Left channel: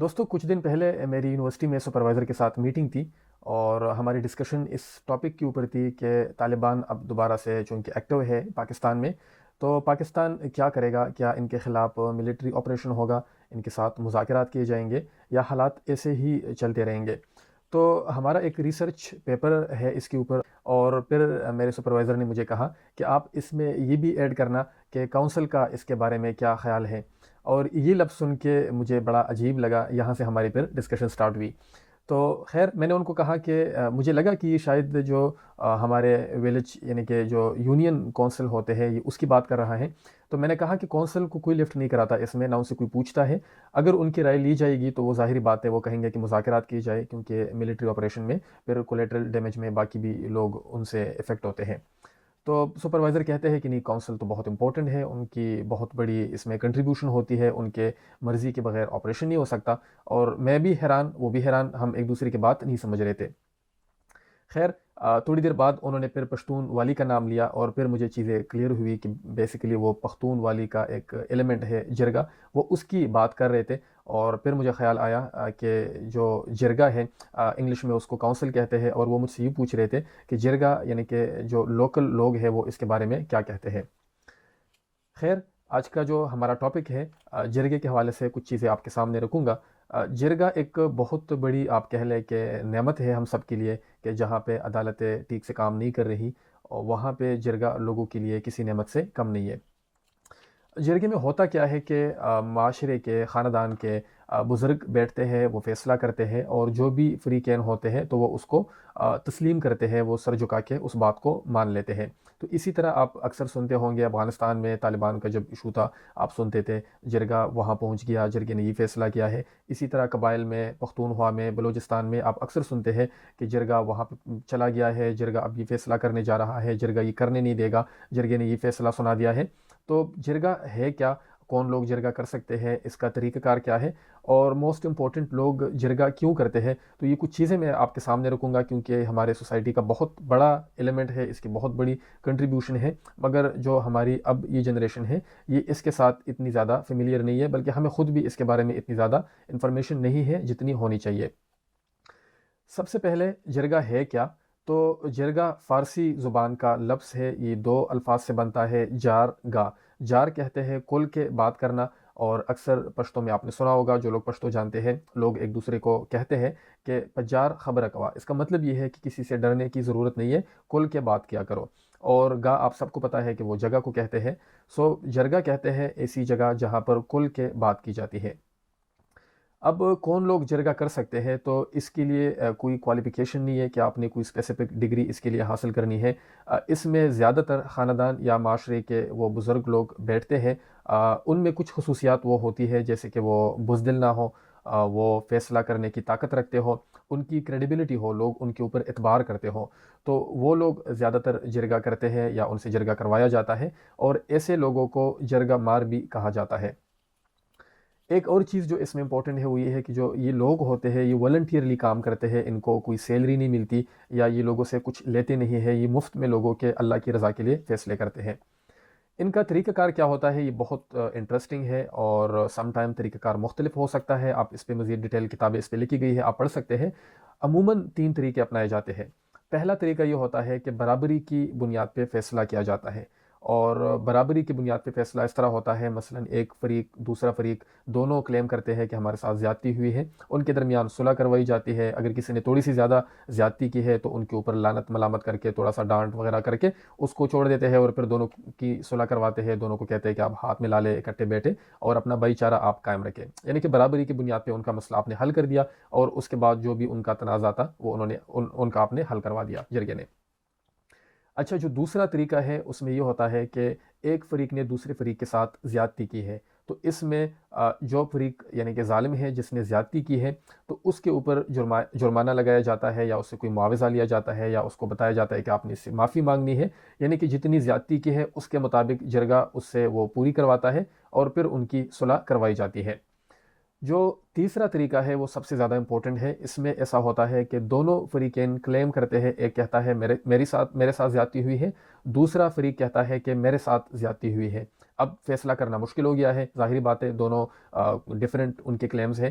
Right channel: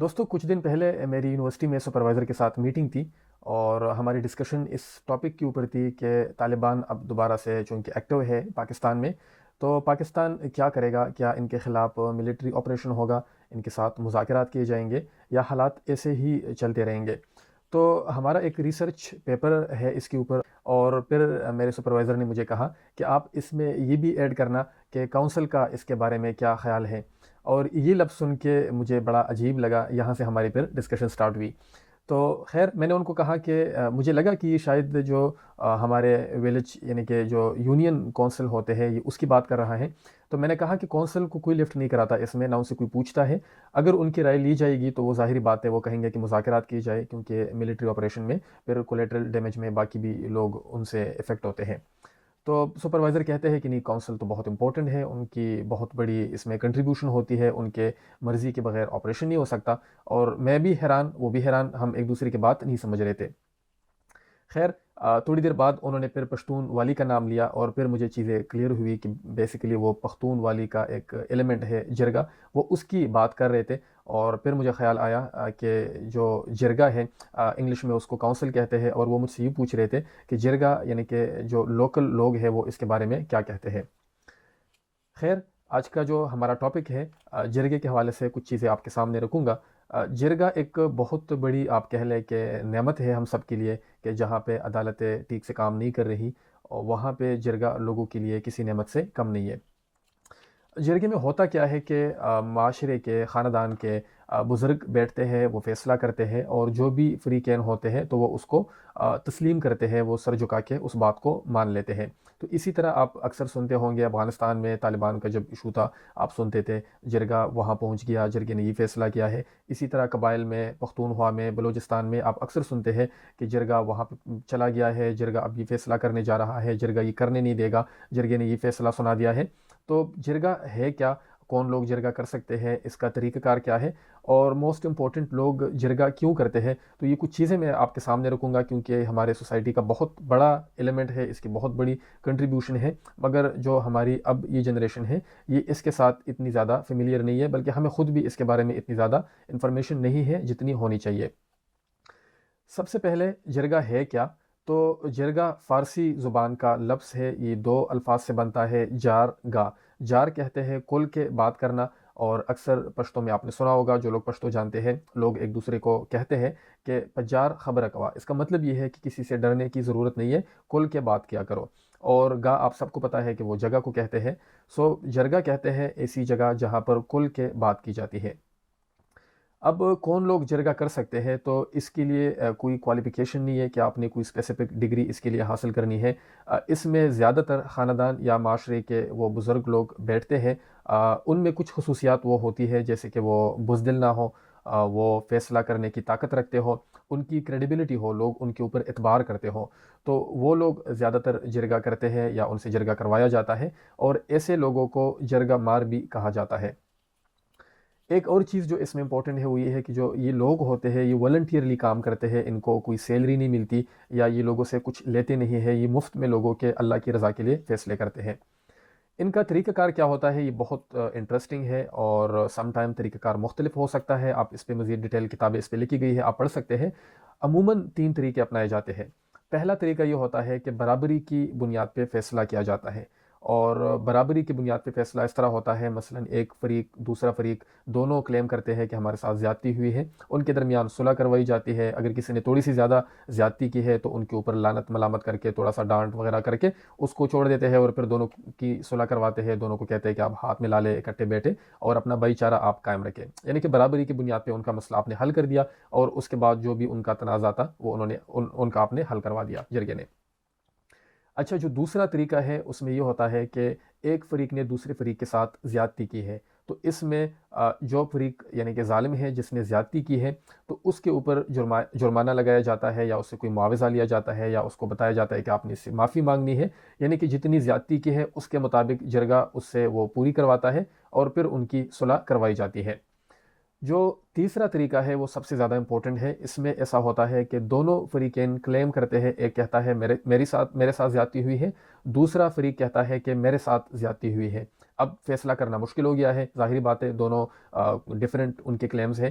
دوستوں کچھ دن پہلے میری یونیورسٹی میں سپروائزر کے ساتھ میٹنگ تھی اور ہماری ڈسکشن اس ٹاپک کے اوپر تھی کہ طالبان اب دوبارہ سے چونکہ ایکٹیو ہے پاکستان میں، تو پاکستان کیا کرے گا؟ کیا ان کے خلاف ملٹری آپریشن ہوگا؟ ان کے ساتھ مذاکرات کیے جائیں گے یا حالات ایسے ہی چلتے رہیں گے؟ تو ہمارا ایک ریسرچ پیپر ہے اس کے اوپر، اور پھر میرے سپروائزر نے مجھے کہا کہ آپ اس میں یہ بھی ایڈ کرنا کہ کونسل کا اس کے بارے میں کیا خیال ہے۔ اور یہ لفظ سن کے مجھے بڑا عجیب لگا، یہاں سے ہماری پھر ڈسکشن سٹارٹ ہوئی۔ تو خیر میں نے ان کو کہا کہ مجھے لگا کہ یہ شاید جو ہمارے ویلیج یعنی کہ جو یونین کونسل ہوتے ہیں یہ اس کی بات کر رہا ہے۔ تو میں نے کہا کہ کونسل کو کوئی لفٹ نہیں کراتا اس میں، نہ ان سے کوئی پوچھتا ہے۔ اگر ان کی رائے لی جائے گی تو وہ ظاہری بات ہے، وہ کہیں گے کہ مذاکرات کی جائے، کیونکہ ملٹری آپریشن میں پھر کولیٹرل ڈیمیج میں باقی بھی لوگ ان سے افیکٹ ہوتے ہیں۔ تو سپروائزر کہتے ہیں کہ نہیں، کونسل تو بہت امپورٹنٹ ہے، ان کی بہت بڑی اس میں کنٹریبیوشن ہوتی ہے، ان کے مرضی کے بغیر آپریشن نہیں ہو سکتا۔ اور میں بھی حیران، وہ بھی حیران، ہم ایک دوسرے کی بات نہیں سمجھ رہے تھے۔ خیر تھوڑی دیر بعد انہوں نے پھر پشتون والی کا نام لیا، اور پھر مجھے چیزیں کلیئر ہوئی کہ بیسیکلی وہ پختون والی کا ایک ایلیمنٹ ہے جرگا، وہ اس کی بات کر رہے تھے۔ اور پھر مجھے خیال آیا کہ جو جرگا ہے، انگلش میں اس کو کونسل کہتے ہیں، اور وہ مجھ سے یہ پوچھ رہے تھے کہ جرگا یعنی کہ جو لوکل لوگ ہیں وہ اس کے بارے میں کیا کہتے ہیں۔ خیر آج کا جو ہمارا ٹاپک ہے، جرگے کے حوالے سے کچھ چیزیں آپ کے سامنے رکھوں گا۔ جرگا ایک بہت بڑی آپ کہہ لیں کہ نعمت ہے ہم سب کے لیے، کہ جہاں پہ عدالتیں ٹھیک سے کام نہیں کر رہی، اور وہاں پہ جرگا لوگوں کے لیے کسی نعمت سے کم نہیں ہے۔ جرگے میں ہوتا کیا ہے کہ معاشرے کے، خاندان کے بزرگ بیٹھتے ہیں، وہ فیصلہ کرتے ہیں، اور جو بھی فریقین ہوتے ہیں تو وہ اس کو تسلیم کرتے ہیں، وہ سر جھکا کے اس بات کو مان لیتے ہیں۔ تو اسی طرح آپ اکثر سنتے ہوں گے، افغانستان میں طالبان کا جب ایشو تھا آپ سنتے تھے جرگا وہاں پہنچ گیا، جرگے نے یہ فیصلہ کیا ہے۔ اسی طرح قبائل میں، پختونخوا میں، بلوچستان میں آپ اکثر سنتے ہیں کہ جرگا وہاں پہ چلا گیا ہے، جرگا اب یہ فیصلہ کرنے جا رہا ہے، جرگا یہ کرنے نہیں دے گا، جرگے نے یہ فیصلہ سنا دیا ہے۔ تو جرگا ہے کیا؟ کون لوگ جرگا کر سکتے ہیں؟ اس کا طریقہ کار کیا ہے؟ اور موسٹ امپورٹنٹ لوگ جرگا کیوں کرتے ہیں؟ تو یہ کچھ چیزیں میں آپ کے سامنے رکھوں گا، کیونکہ ہمارے سوسائٹی کا بہت بڑا ایلیمنٹ ہے، اس کی بہت بڑی کنٹریبیوشن ہے، مگر جو ہماری اب یہ جنریشن ہے یہ اس کے ساتھ اتنی زیادہ فیملیئر نہیں ہے، بلکہ ہمیں خود بھی اس کے بارے میں اتنی زیادہ انفارمیشن نہیں ہے جتنی ہونی چاہیے۔ سب سے پہلے جرگا ہے کیا؟ تو جرگا فارسی زبان کا لفظ ہے، یہ دو الفاظ سے بنتا ہے، جار گا۔ جار کہتے ہیں کل کے بات کرنا، اور اکثر پشتو میں آپ نے سنا ہوگا، جو لوگ پشتو جانتے ہیں، لوگ ایک دوسرے کو کہتے ہیں کہ پجار خبر کوا۔ اس کا مطلب یہ ہے کہ کسی سے ڈرنے کی ضرورت نہیں ہے، کل کے بات کیا کرو۔ اور گا آپ سب کو پتا ہے کہ وہ جگہ کو کہتے ہیں۔ سو جرگا کہتے ہیں ایسی جگہ جہاں پر کل کے بات کی جاتی ہے۔ اب کون لوگ جرگا کر سکتے ہیں؟ تو اس کے لیے کوئی کوالیفیکیشن نہیں ہے کہ آپ نے کوئی اسپیسیفک ڈگری اس کے لیے حاصل کرنی ہے۔ اس میں زیادہ تر خاندان یا معاشرے کے وہ بزرگ لوگ بیٹھتے ہیں، ان میں کچھ خصوصیات وہ ہوتی ہے جیسے کہ وہ بزدل نہ ہو، وہ فیصلہ کرنے کی طاقت رکھتے ہو، ان کی کریڈیبلٹی ہو، لوگ ان کے اوپر اعتبار کرتے ہوں، تو وہ لوگ زیادہ تر جرگا کرتے ہیں یا ان سے جرگا کروایا جاتا ہے، اور ایسے لوگوں کو جرگا مار بھی کہا جاتا ہے۔ ایک اور چیز جو اس میں امپورٹنٹ ہے وہ یہ ہے کہ جو یہ لوگ ہوتے ہیں یہ والنٹیئرلی کام کرتے ہیں، ان کو کوئی سیلری نہیں ملتی، یا یہ لوگوں سے کچھ لیتے نہیں ہیں، یہ مفت میں لوگوں کے اللہ کی رضا کے لیے فیصلے کرتے ہیں۔ ان کا طریقہ کار کیا ہوتا ہے؟ یہ بہت انٹرسٹنگ ہے، اور سم ٹائم طریقہ کار مختلف ہو سکتا ہے، آپ اس پہ مزید ڈیٹیل کتابیں اس پہ لکھی گئی ہے، آپ پڑھ سکتے ہیں۔ عموماً 3 طریقے اپنائے جاتے ہیں۔ پہلا طریقہ یہ ہوتا ہے کہ برابری کی بنیاد پہ فیصلہ کیا جاتا ہے، اور برابری کی بنیاد پہ فیصلہ اس طرح ہوتا ہے، مثلاً ایک فریق دوسرا فریق دونوں کلیم کرتے ہیں کہ ہمارے ساتھ زیادتی ہوئی ہے، ان کے درمیان صلح کروائی جاتی ہے۔ اگر کسی نے تھوڑی سی زیادہ زیادتی کی ہے تو ان کے اوپر لعنت ملامت کر کے، تھوڑا سا ڈانٹ وغیرہ کر کے اس کو چھوڑ دیتے ہیں، اور پھر دونوں کی صلح کرواتے ہیں، دونوں کو کہتے ہیں کہ آپ ہاتھ میں لا لے اکٹھے بیٹھے اور اپنا بھائی چارہ آپ قائم رکھیں، یعنی کہ برابری کی بنیاد پہ ان کا مسئلہ آپ نے حل کر دیا، اور اس کے بعد جو بھی ان کا تنازع تھا وہ انہوں نے ان کا آپ نے حل کروا دیا جرگے نے۔ اچھا، جو دوسرا طریقہ ہے اس میں یہ ہوتا ہے کہ ایک فریق نے دوسرے فریق کے ساتھ زیادتی کی ہے، تو اس میں جو فریق یعنی کہ ظالم ہے، جس نے زیادتی کی ہے، تو اس کے اوپر جرمانہ لگایا جاتا ہے، یا اس سے کوئی معاوضہ لیا جاتا ہے، یا اس کو بتایا جاتا ہے کہ آپ نے اس سے معافی مانگنی ہے، یعنی کہ جتنی زیادتی کی ہے اس کے مطابق جرگہ اس سے وہ پوری کرواتا ہے، اور پھر ان کی صلح کروائی جاتی ہے۔ جو تیسرا طریقہ ہے وہ سب سے زیادہ امپورٹنٹ ہے، اس میں ایسا ہوتا ہے کہ دونوں فریقین کلیم کرتے ہیں، ایک کہتا ہے میرے ساتھ زیادتی ہوئی ہے، دوسرا فریق کہتا ہے کہ میرے ساتھ زیادتی ہوئی ہے۔ اب فیصلہ کرنا مشکل ہو گیا ہے، ظاہری بات ہے، دونوں ڈیفرنٹ ان کے کلیمز ہیں۔